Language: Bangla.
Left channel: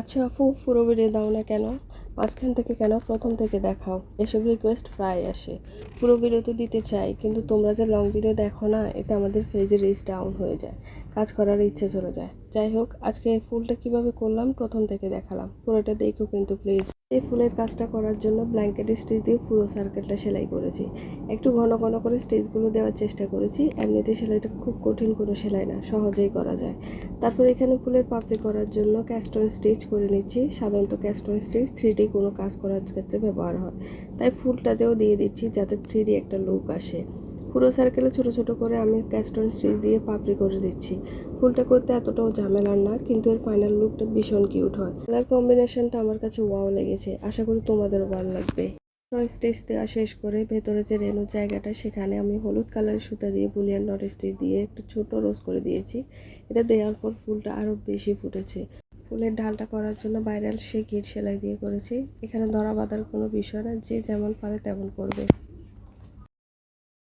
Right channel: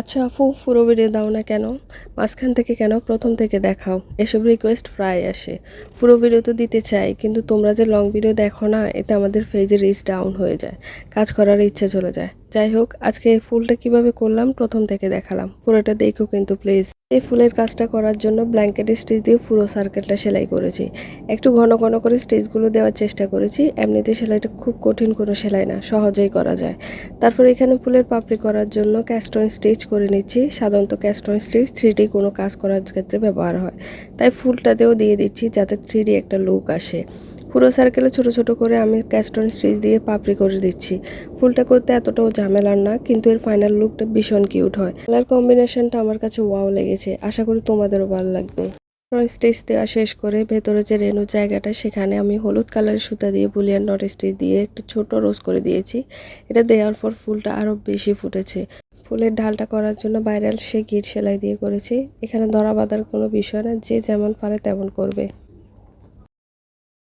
আচ্ছা আপু, পুরো ভিডিও দাও না কেন? মাঝখান থেকে কেন? প্রথম থেকে দেখাও। এসব রিকোয়েস্ট প্রায় আসে। পুরো ভিডিও তো দিতে চাই, কিন্তু তোমরা যে লং ভিডিও দেখো না, এতে আমাদের পেজের রিচ ডাউন হয়ে যায়, কাজ করার ইচ্ছে চলে যায়। যাই হোক, আজকে এই ফুলটা কিভাবে করলাম প্রথম থেকে দেখালাম, পুরোটা দেখো কিন্তু প্লিজ। এই ফুলের কাজটা করার জন্য ব্ল্যাঙ্কেট স্টিচ দিয়ে পুরো সার্কেলটা সেলাই করেছি। একটু ঘন ঘন করে স্টিচগুলো দেওয়ার চেষ্টা করেছি। এমনিতে সেলাইটা খুব কঠিন কোনো সেলাই না, সহজেই করা যায়। তারপর এখানে ফুলের পাপড়ি করার জন্য ক্যাস্টন স্টিচ করে নিচ্ছি। সাধারণত ক্যাস্টন স্টিচ 3D কোনো কাজ করার ক্ষেত্রে ব্যবহার হয়, তাই ফুলটাতেও দিয়ে দিচ্ছি যাতে 3D একটা লুক আসে। পুরো সার্কেলে ছোট ছোট করে আমি ক্যাস্টন স্টিচ দিয়ে পাপড়ি করে দিচ্ছি। ফুলটা করতে এতটাও ঝামেলার না, কিন্তু এর ফাইনাল লুকটা ভীষণ কিউট হয়। কালার কম্বিনেশনটা আমার কাছে ওয়াও লেগেছে, আশা করি তোমাদেরও ভালো লাগবে। স্টিচ দেওয়া শেষ করে ভেতরে যে রেনু জায়গাটা, সেখানে আমি হলুদ কালারের সুতা দিয়ে বুলিয়ান নট স্টিচ দিয়ে একটু ছোট রোজ করে দিয়েছি। এটা দেওয়ার পর ফুলটা আরও বেশি ফুটেছে। ফুলের ঢালটা করার জন্য বাইরে সে গিট সেলাই দিয়ে করেছি। এখানে ধরা বাঁধার কোনো বিষয় না, যে যেমন পারে তেমন করবে।